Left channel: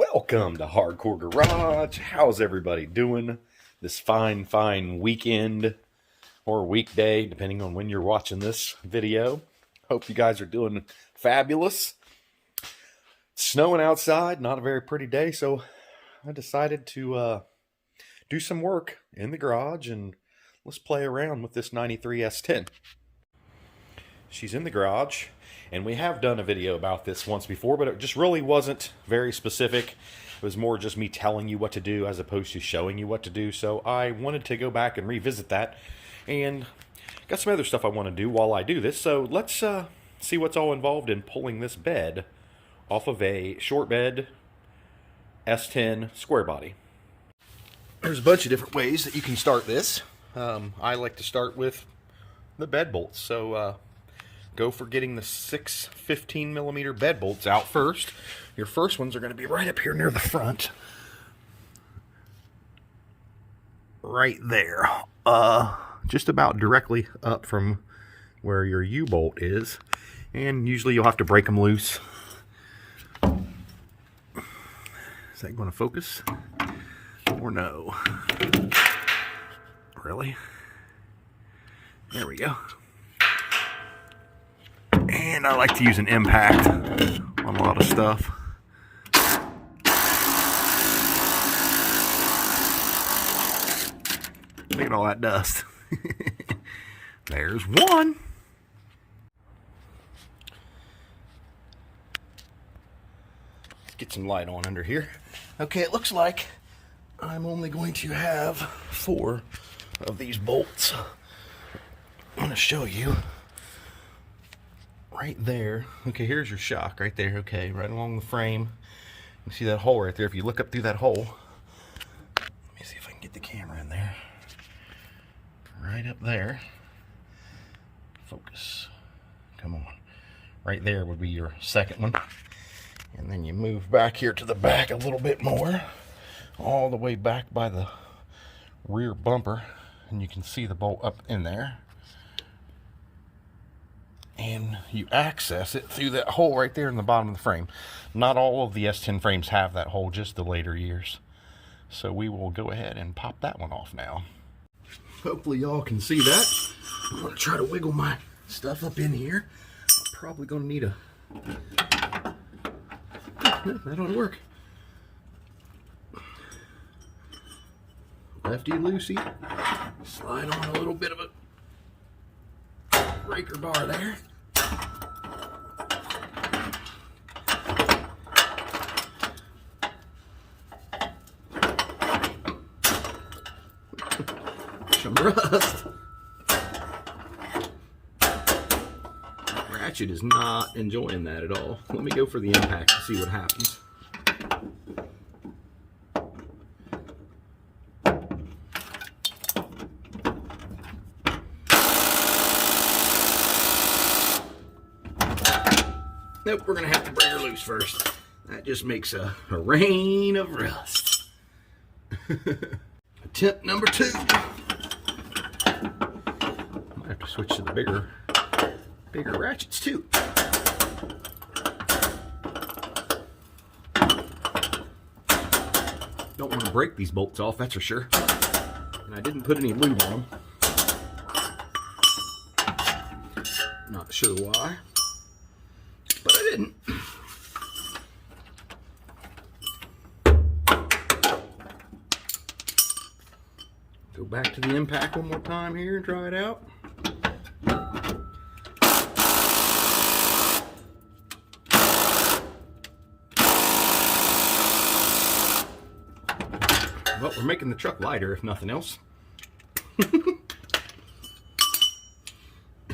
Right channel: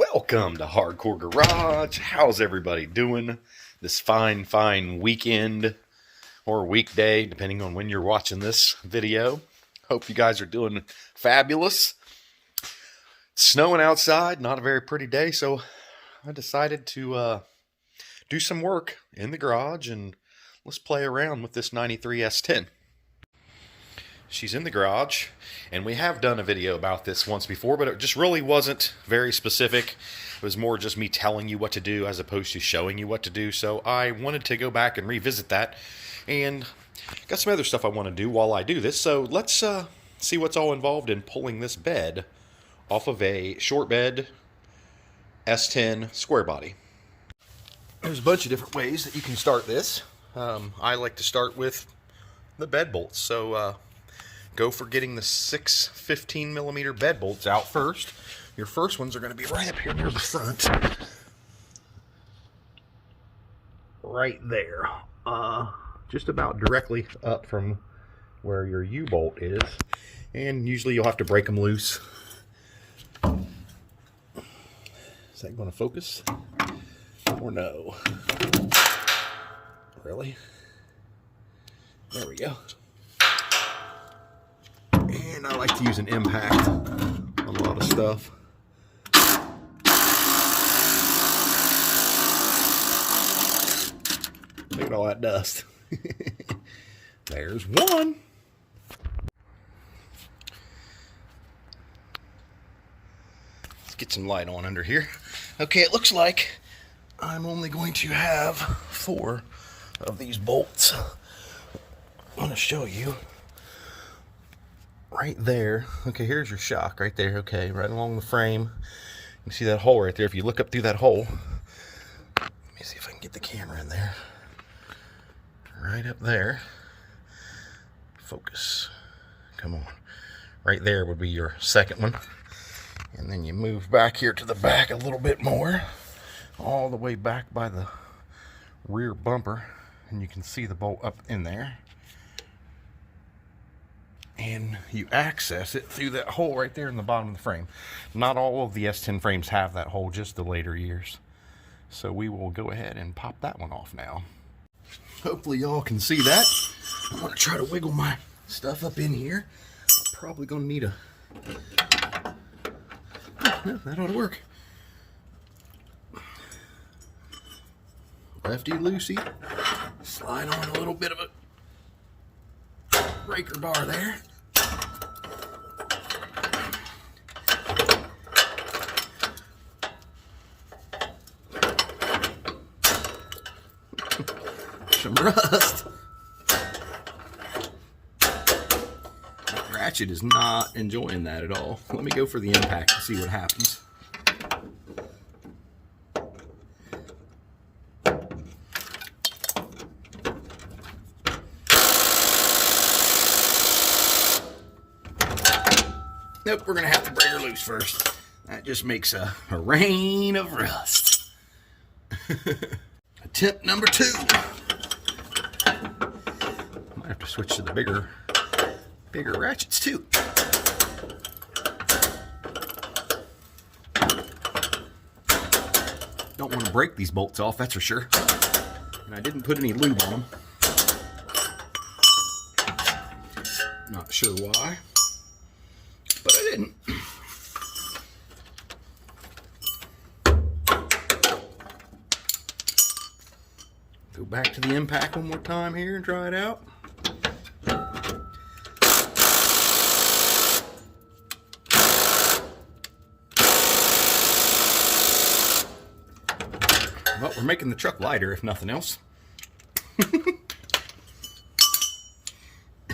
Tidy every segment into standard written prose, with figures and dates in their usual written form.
Welcome to Hardcore Garage. How's everybody doing this fine weekend or weekday, depending on when you're watching this video? Hope you guys are doing fabulous. It's snowing outside, not a very pretty day, so I decided to do some work in the garage and let's play around with this 93 S10. She's in the garage, and we have done a video about this once before, but it just really wasn't very specific. It was more just me telling you what to do as opposed to showing you what to do. So I wanted to go back and revisit that, and got some other stuff I want to do while I do this. So let's see what's all involved in pulling this bed off of a short bed S10 square body. There's a bunch of different ways that you can start this. I like to start with the bed bolts. So go for getting the 6 15mm bed bolts out first. Your first ones are going to be right up here near the front. Right there. Just about directly up from where your U-bolt is. And usually you'll have to break them loose. Is that going to focus? Or no? Really? There we go. And I like to use an impact on a lot of stuff. Look at all that dust. There's one. Let's get some light on under here. Okay, it looks like I'm only going to have 4 of these bolts. I'm going to show you. Right there. Okay, here's your shock right there. Okay, right along the frame. You see that hole right there. If you look up through that hole, let me see if I can get the camera in there. Right up there. Focus. Come on. Right there would be your second one. And then you move back here to the back a little bit more. All the way back by the rear bumper. And you can see the bolt up in there. And you access it through that hole right there in the bottom of the frame. Not all of the S10 frames have that hole, just the later years. So we will go ahead and pop that one off now. Hopefully y'all can see that. I'm going to try to wiggle my stuff up in here. Probably going to need a... Yeah, that ought to work. Lefty loosey. Slide on a little bit of a breaker bar there. Some rust. Ratchet is not enjoying that at all. Let me go for the impact and see what happens. Nope, we're going to have to break her loose first. That just makes a rain of rust. Attempt number 2. Might have to switch to the bigger ratchets too. Don't want to break these bolts off, that's for sure. And I didn't put any lube on them. Not sure why. But I didn't. Go back to the impact one more time here and try it out. Well, we're making the truck lighter, if nothing else.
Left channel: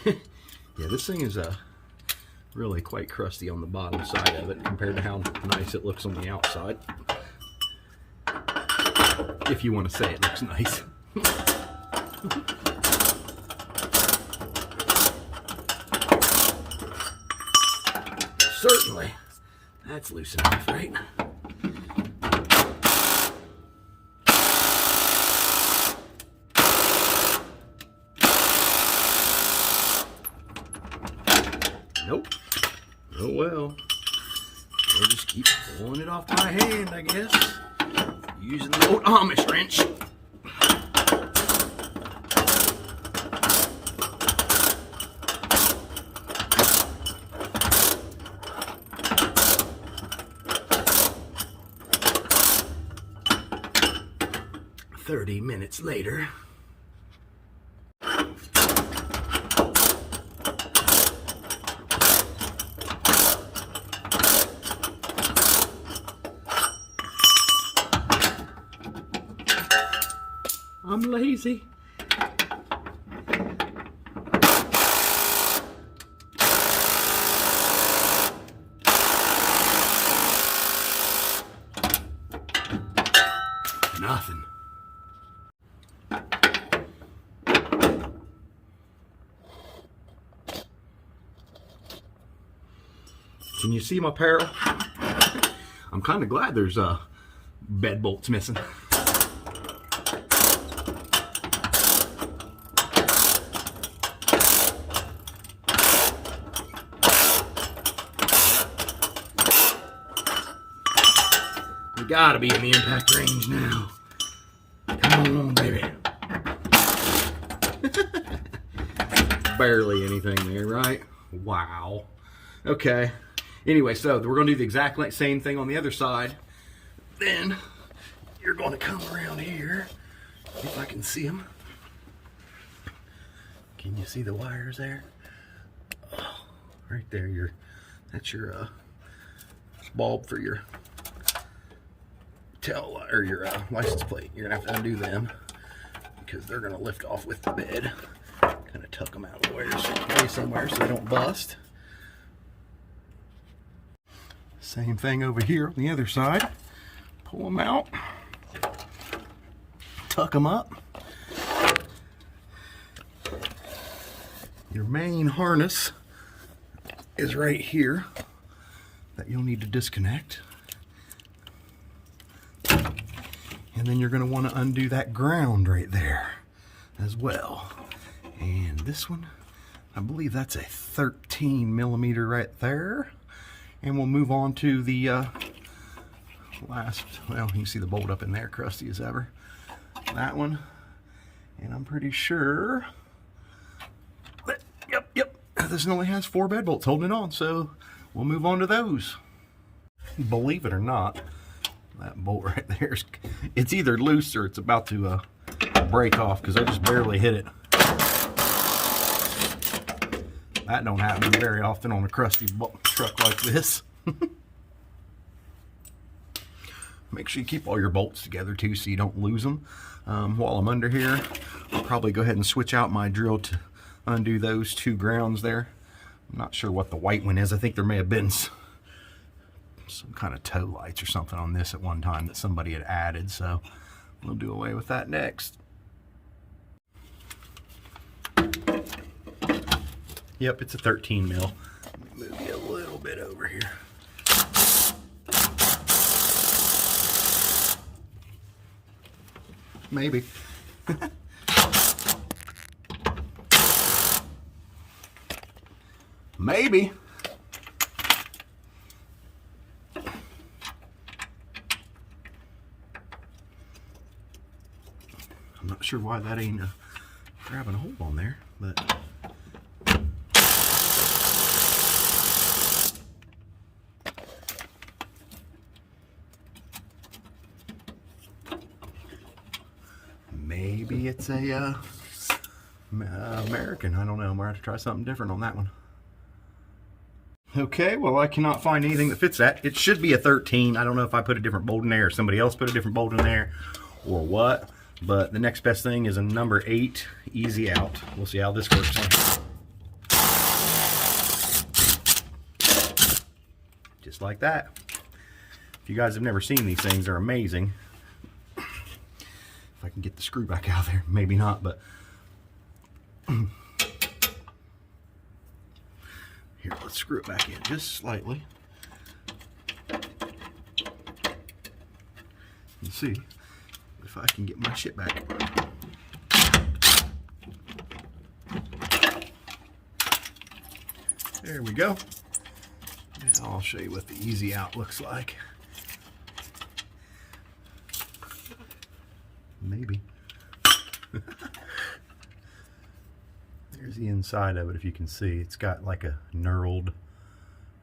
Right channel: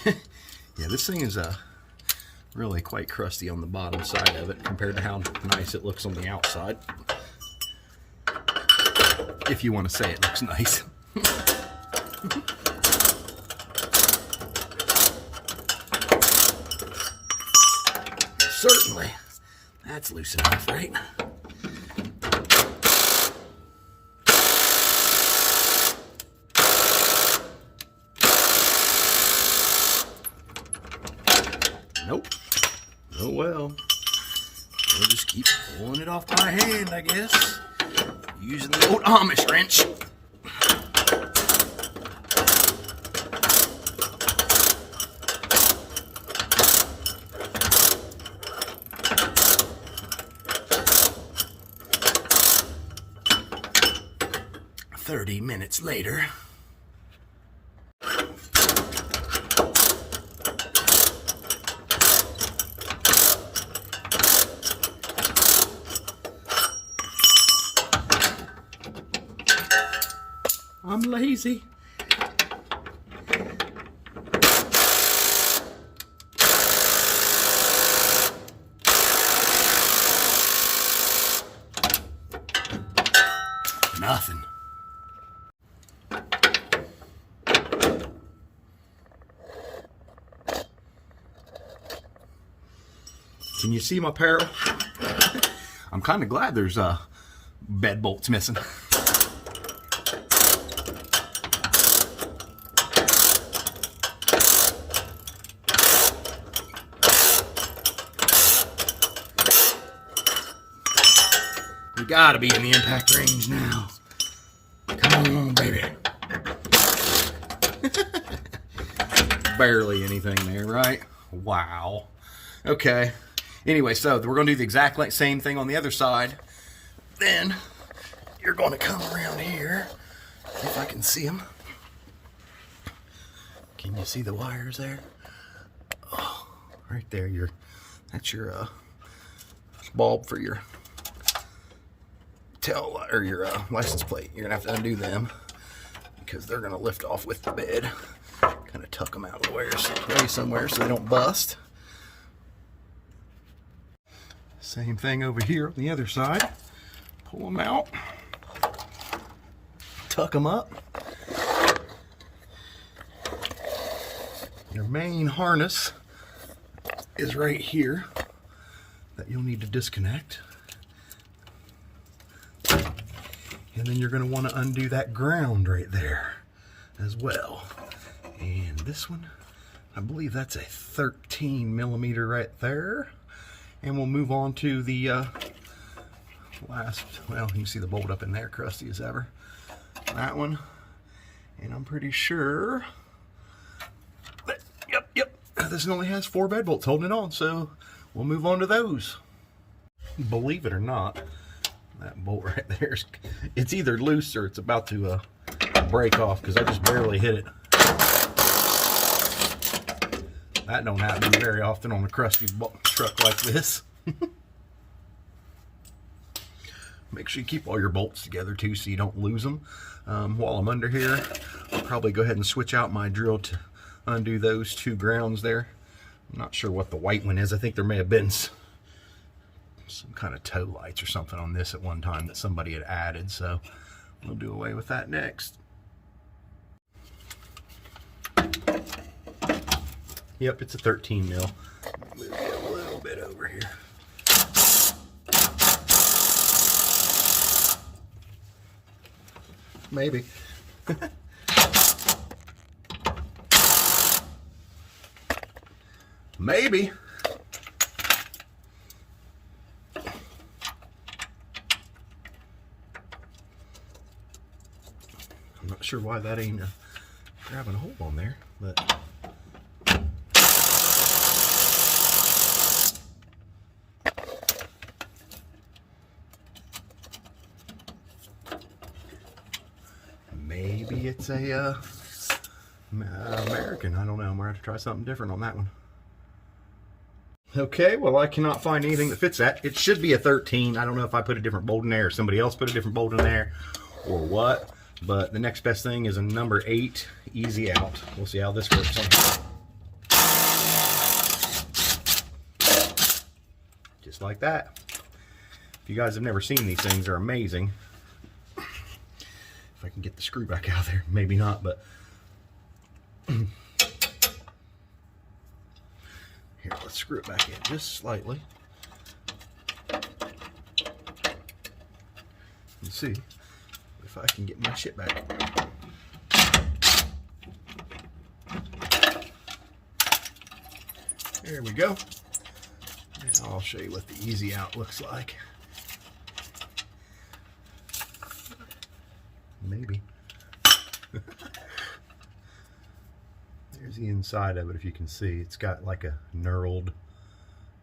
Yeah, this thing is really quite crusty on the bottom side of it compared to how nice it looks on the outside. If you want to say it looks nice. Certainly. That's loose enough, right? Nope. Oh well. We'll just Keep pulling it off my hand, I guess. Using the old Amish wrench. Minutes later. I'm lazy. Nothing. Can you see my pair? I'm kind of glad there's bed bolts missing. We gotta be in the impact range now. Come on, baby. Barely anything there, right? Wow. Okay. Anyway, so we're going to do the exact same thing on the other side. Then you're going to come around here, if I can see them. Can you see the wires there? Oh, right there. That's your bulb for your tail or your license plate. You're going to have to undo them because they're going to lift off with the bed. Kind of tuck them out of the way somewhere so they don't bust. Same thing over here on the other side. Pull them out. Tuck them up. Your main harness is right here that you'll need to disconnect. And then you're going to want to undo that ground right there as well. And this one, I believe that's a 13 millimeter right there. And we'll move on to the last, well, you can see the bolt up in there, crusty as ever. That one. And I'm pretty sure that, yep, this only has 4 bed bolts holding it on, so we'll move on to those. Believe it or not, that bolt right there, it's either loose or it's about to break off because I just barely hit it. That don't happen very often on a crusty truck like this. Make sure you keep all your bolts together too so you don't lose them. While I'm under here, I'll probably go ahead and switch out my drill to undo those 2 grounds there. I'm not sure what the white one is. I think there may have been some kind of tow lights or something on this at one time that somebody had added, so we'll do away with that next. Yep, it's a 13 mil. Move it a little bit over here. Maybe. Maybe. I'm not sure why that ain't grabbing a hold on there, but maybe it's a American. I don't know. I'm gonna have to try something different on that one. Okay, well, I cannot find anything that fits that. It should be a 13. I don't know if I put a different bolt in there or somebody else put a different bolt in there or what, but the next best thing is a number 8 easy out. We'll see how this works. Just like that. If you guys have never seen these things, they're amazing. If I can get the screw back out there, maybe not, but here, let's screw it back in just slightly. Let's see if I can get my shit back. There we go. And I'll show you what the easy out looks like. Maybe. There's the inside of it. If you can see, it's got like a knurled,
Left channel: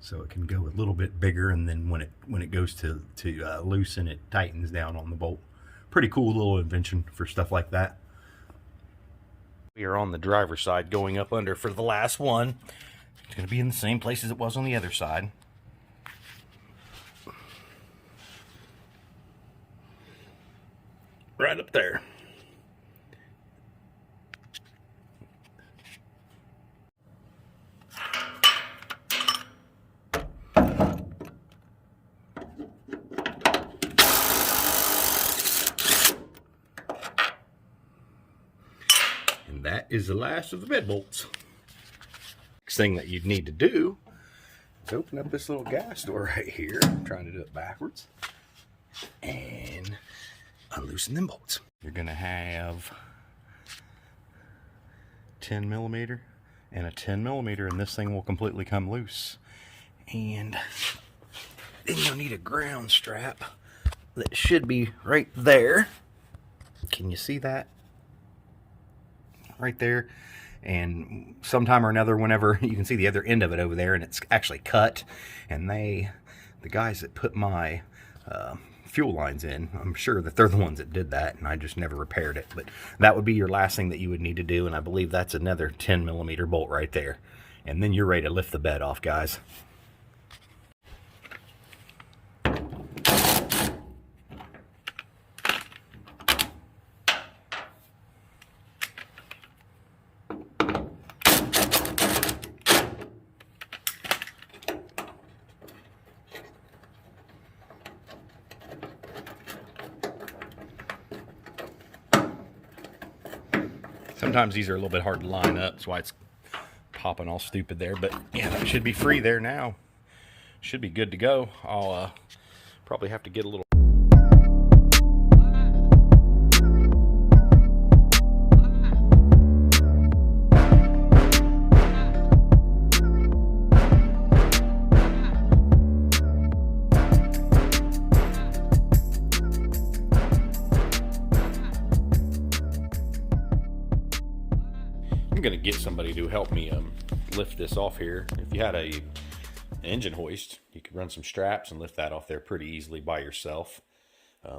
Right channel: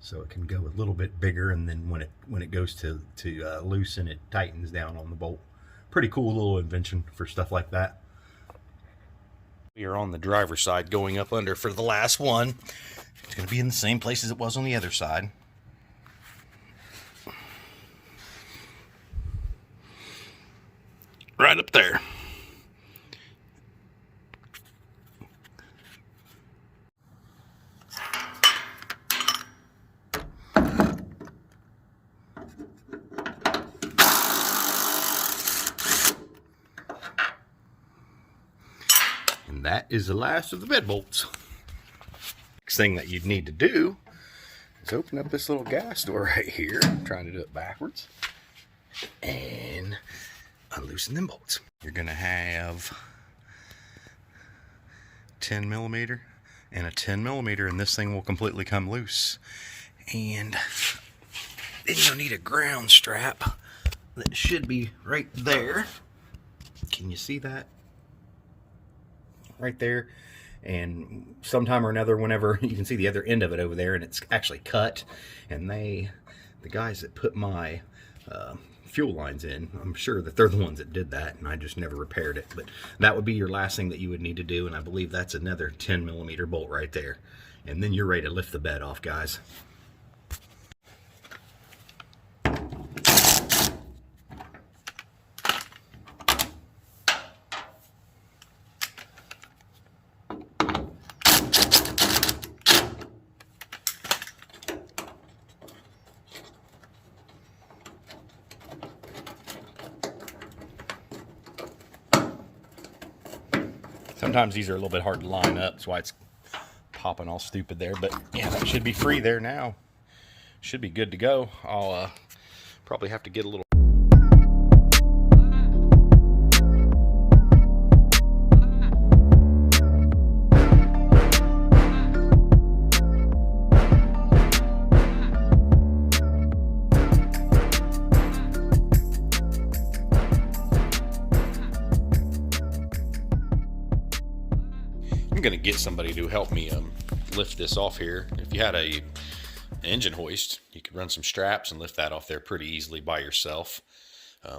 so it can go a little bit bigger, and then when it goes to loosen, it tightens down on the bolt. Pretty cool little invention for stuff like that. We are on the driver's side going up under for the last one. It's going to be in the same place as it was on the other side. Right up there. And that is the last of the bed bolts. Next thing that you'd need to do is open up this little gas door right here. I'm trying to do it backwards. And unloosen them bolts. You're gonna have 10 millimeter and a 10 millimeter, and this thing will completely come loose. And then you'll need a ground strap that should be right there. Can you see that? Right there. And sometime or another, whenever you can see the other end of it over there, and it's actually cut, and the guys that put my fuel lines in, I'm sure that they're the ones that did that, and I just never repaired it. But that would be your last thing that you would need to do, and I believe that's another 10 millimeter bolt right there. And then you're ready to lift the bed off, guys. Sometimes these are a little bit hard to line up, that's why it's popping all stupid there. But yeah, that should be free there now. Should be good to go. I'll probably have to get a little. I'm gonna get somebody to help me lift this off here. If you had a engine hoist, you could run some straps and lift that off there pretty easily by yourself.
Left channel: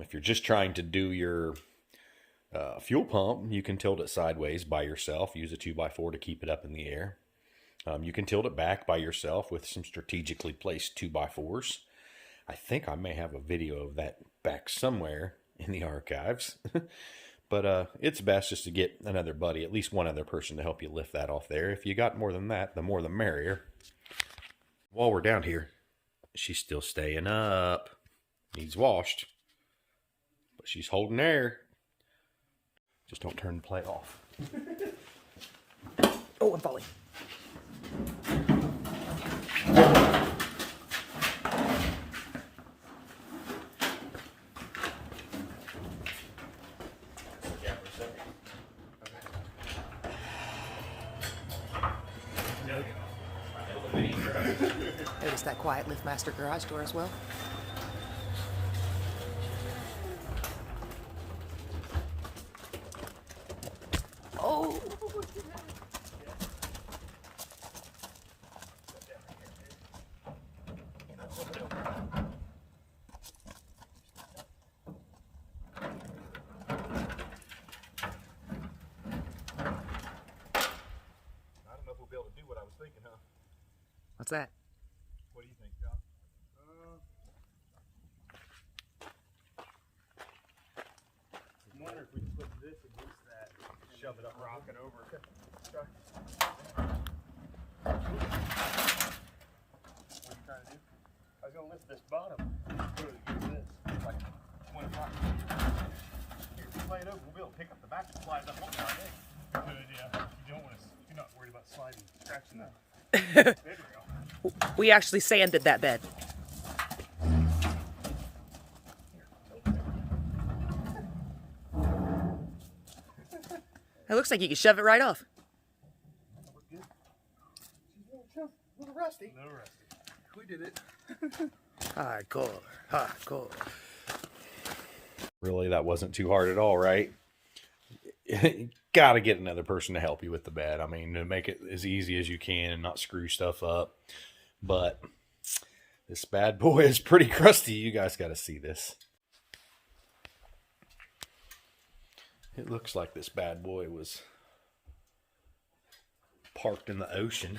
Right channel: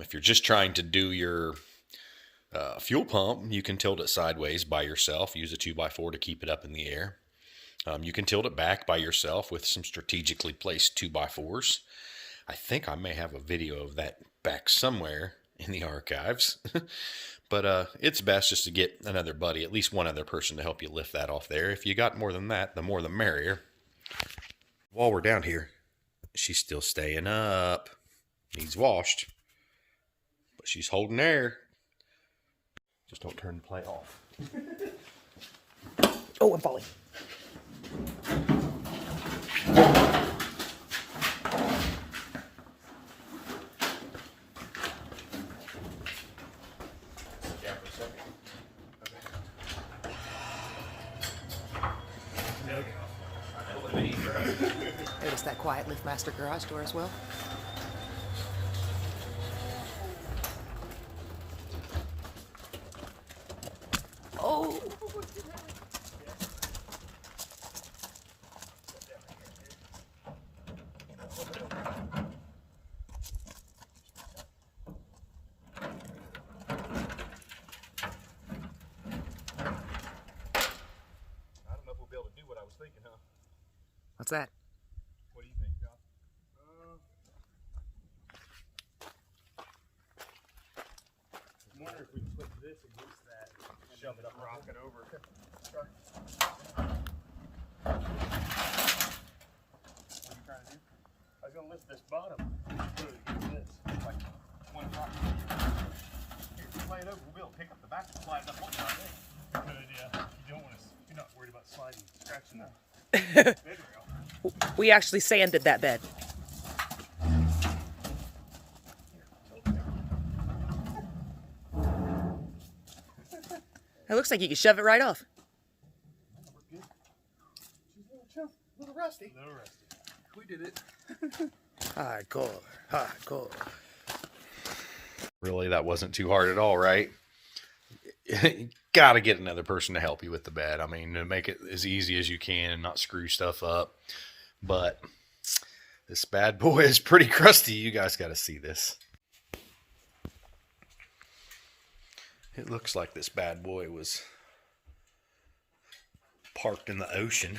If you're just trying to do your fuel pump, you can tilt it sideways by yourself. Use a 2x4 to keep it up in the air. You can tilt it back by yourself with some strategically placed 2x4s. I think I may have a video of that back somewhere in the archives. But it's best just to get another buddy, at least one other person, to help you lift that off there. If you got more than that, the more the merrier. While we're down here, she's still staying up. Needs washed. But she's holding air. Just don't turn the plate off. Oh, I'm falling. Notice that quiet LiftMaster garage door as well. Oh! I don't know if we'll be able to do what I was thinking, huh? What's that? What do you think, Josh? I'm wondering if we can put this against that and shove it up, rock it over. Okay. What are you trying to do? I was going to lift this bottom and put it against this, like 1 o'clock. Here, slide it over. We'll be able to pick up the back and slide it up one side. Good, yeah. You don't want to. You're not worried about sliding, scratching the bed rail. We actually sanded that bed. It looks like you can shove it right off. We're good. She's a little rusty. A little rusty. We did it. Hardcore, hardcore. Really, that wasn't too hard at all, right? Got to get another person to help you with the bed. I mean, to make it as easy as you can and not screw stuff up. But this bad boy is pretty crusty. You guys got to see this. It looks like this bad boy was parked in the ocean.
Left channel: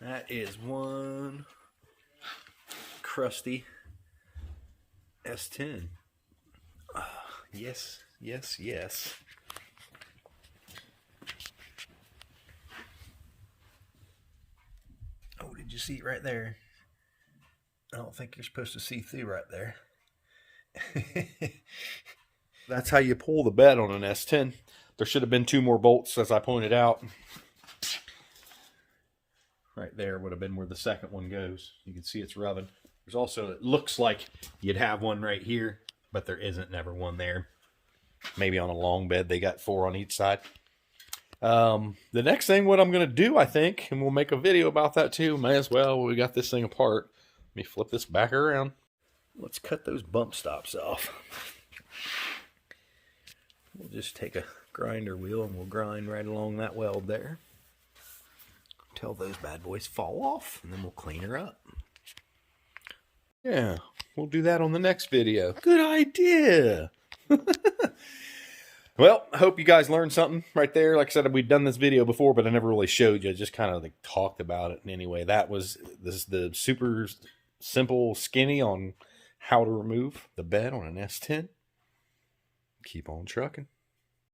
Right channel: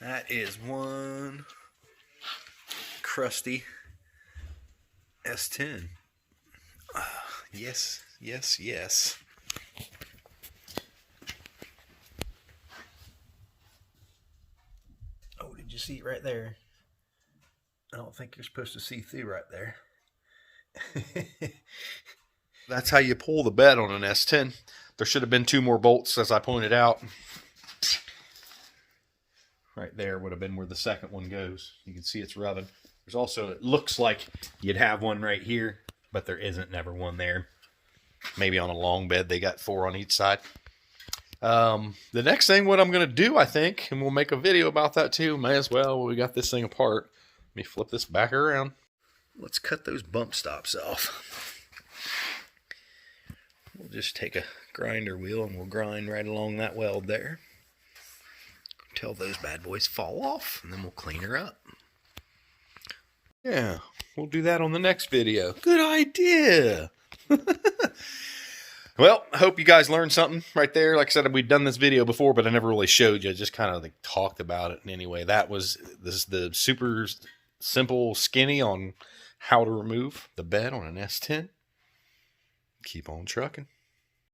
That is one crusty S10. Yes, yes, yes. Oh, did you see it right there? I don't think you're supposed to see through right there. That's how you pull the bed on an S10. There should have been 2 more bolts, as I pointed out. Right there would have been where the second one goes. You can see it's rubbing. There's also, it looks like you'd have one right here, but there isn't never one there. Maybe on a long bed, they got 4 on each side. The next thing, what I'm going to do, I think, and we'll make a video about that too. May as well, we got this thing apart. Let me flip this back around. Let's cut those bump stops off. We'll just take a grinder wheel and we'll grind right along that weld there till those bad boys fall off, and then we'll clean her up. Yeah, we'll do that on the next video. Good idea. Well, I hope you guys learned something right there. Like I said, we've done this video before, but I never really showed you. Just kind of like talked about it. And anyway, that was the super simple skinny on how to remove the bed on an S10. Keep on trucking.